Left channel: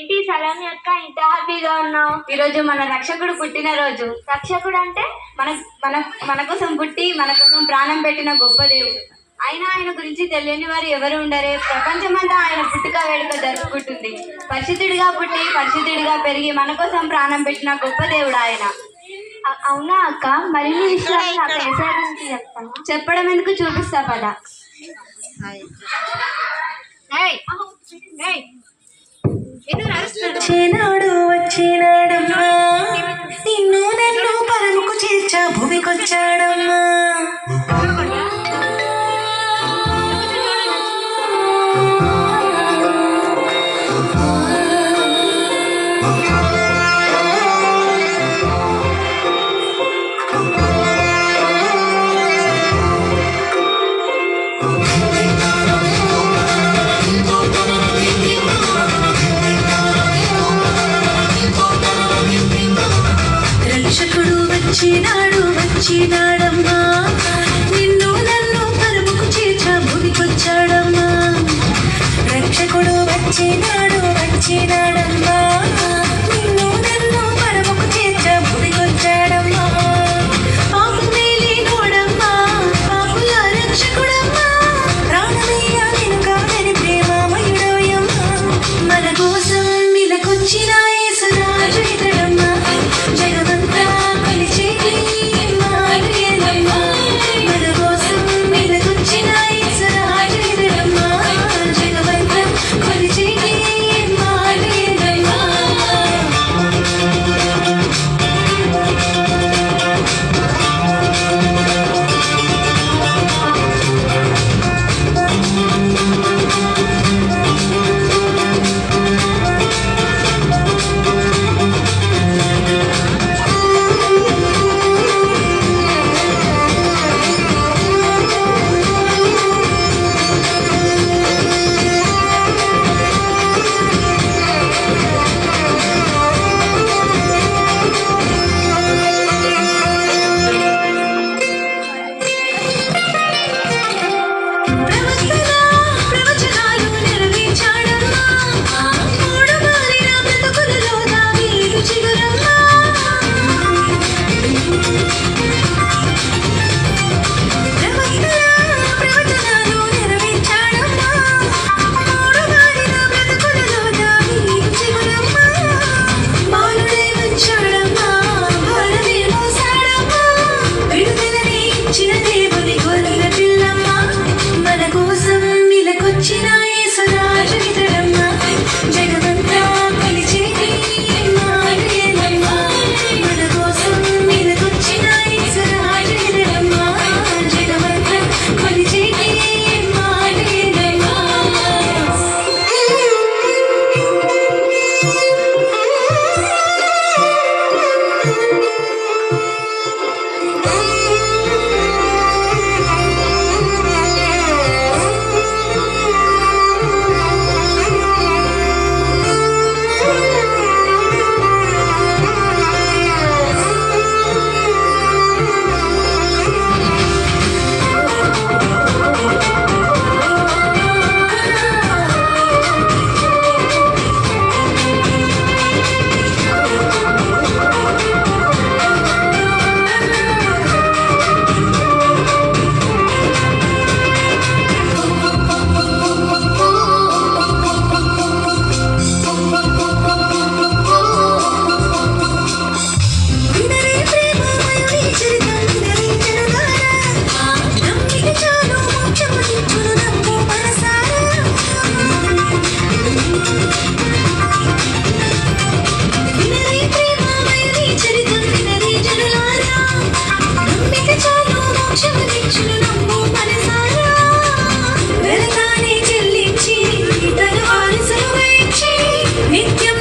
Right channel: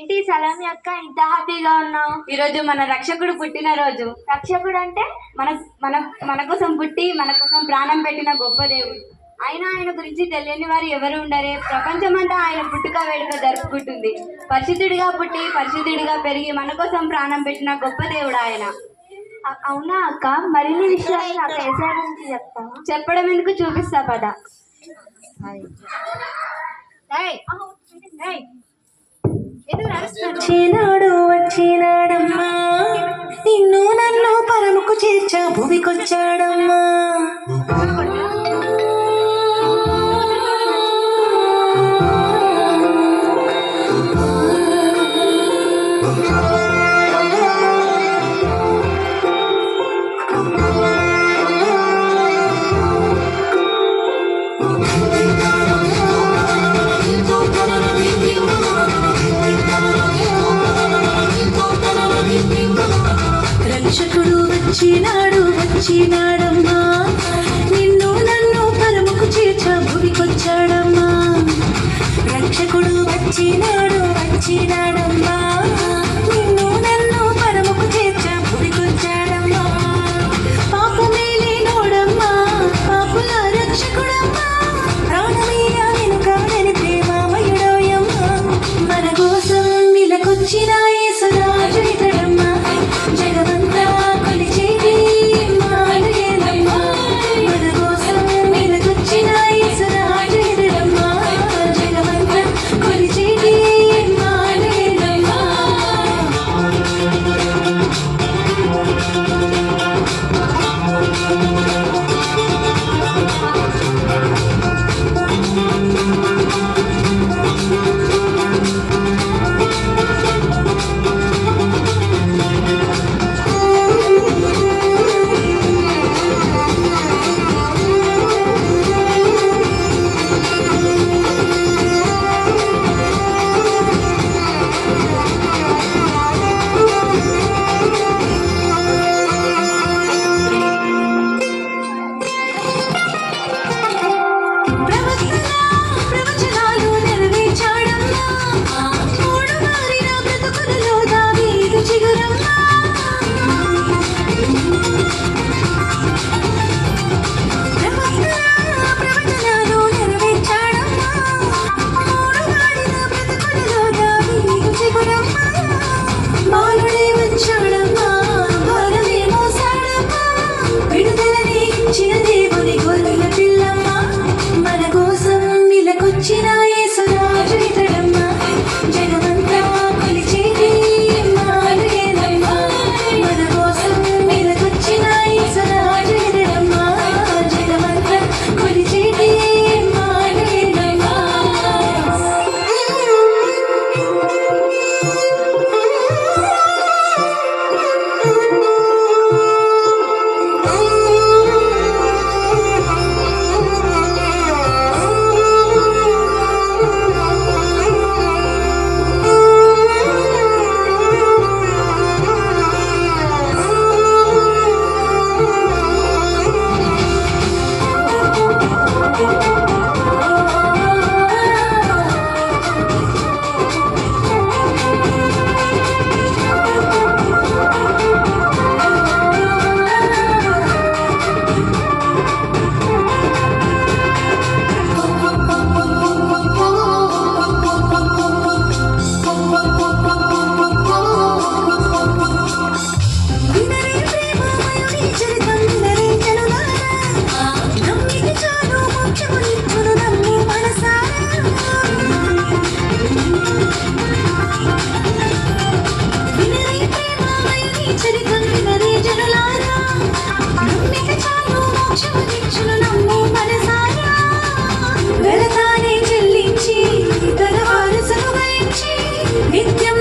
ఏంటి సలామి అక్క ఇంత హ్యాపీగా ఉన్నావు? ఈరోజు మన రక్షకుడు పుట్టినరోజు. రక్షకుడు అంటే? మన మన మన కోసం పుట్టి మన కోసం ప్రాణం పెట్టిన గొప్ప దేవుడు. అయినా ఆయన గురించి తెలియని వారు ఎవరు ఉండరే. ప్రపంచమంతా ఆయన పుట్టుక వేడుక జరుపుకుంటుంది. పరిశుద్ధుడిగా పుట్టి పరిశుద్ధుడిగా పెరిగి మన కోసం ప్రాణం పెట్టిన గొప్ప దేవుడు ఆయన. అవునా అక్క? మరిన్ని విషయాలు చెప్పడం ఎందుకు, చూపిస్తా పద. వచ్చినాడు వచ్చినాడమ్మా, నిన్ను నన్ను పరముకు చేర్చా భూమికొచ్చాడమ్మా. రక్షకుడు వచ్చినాడు వచ్చినాడమ్మా, నిన్ను నన్ను పరముకు చేర్చా భూమికొచ్చాడమ్మా. రక్షకుడు వచ్చినాడు వచ్చినాడమ్మా, నిన్ను నన్ను పరముకు చేర్చా భూమికొచ్చాడమ్మా. పాపమే లేనోడమ్మా, పాపుల రక్షకుడమ్మా, ప్రాణమేగా నేను కాదని ప్రేమమయుడోయమ్మా. మన కోసం ఇలాకొచ్చిన యేసురాజు ఇతడమ్మా, జగమంతా కొలిచేటి ఇమ్మానుయేలమ్మా. మన కోసం ఇలాకొచ్చిన యేసురాజు ఇతడమ్మా, జగమంతా కొలిచేటి ఇమ్మానుయేలమ్మా. ప్రవచనాలు నెరవేర్చాడమ్మా, మూడు మారిన బ్రతుకులలో దావీదు చిగురమ్మా. ప్రవచనాలు నెరవేర్చాడమ్మా, మూడు మారిన బ్రతుకులలో దావీదు చిగురమ్మా. బాలుడే వచ్చాడమ్మా, భారమే మోసాడమ్మా, విడుదలని ఇచ్చిన దేవుని గొర్రెల పిల్లమ్మా. మన కోసం ఇలాకొచ్చిన యేసురాజు ఇతడమ్మా, జగమంతా కొలిచేటి ఇమ్మానుయేలమ్మా. మన కోసం ఇలాకొచ్చిన యేసురాజు ఇతడమ్మా, జగమంతా కొలిచేటి ఇమ్మానుయేలమ్మా. వినరే ప్రేమమయుని చరితం వినరే జనులారా, నమ్మిక చాలు మోక్షమునిచ్చును నమ్ము మనసారా. వినరే ప్రేమమయుని చరితం వినరే జనులారా, నమ్మిక చాలు మోక్షమునిచ్చును నమ్ము మనసారా. వెలతానే చెల్లించి తన వారసులుగా ఇచ్చి నిత్యం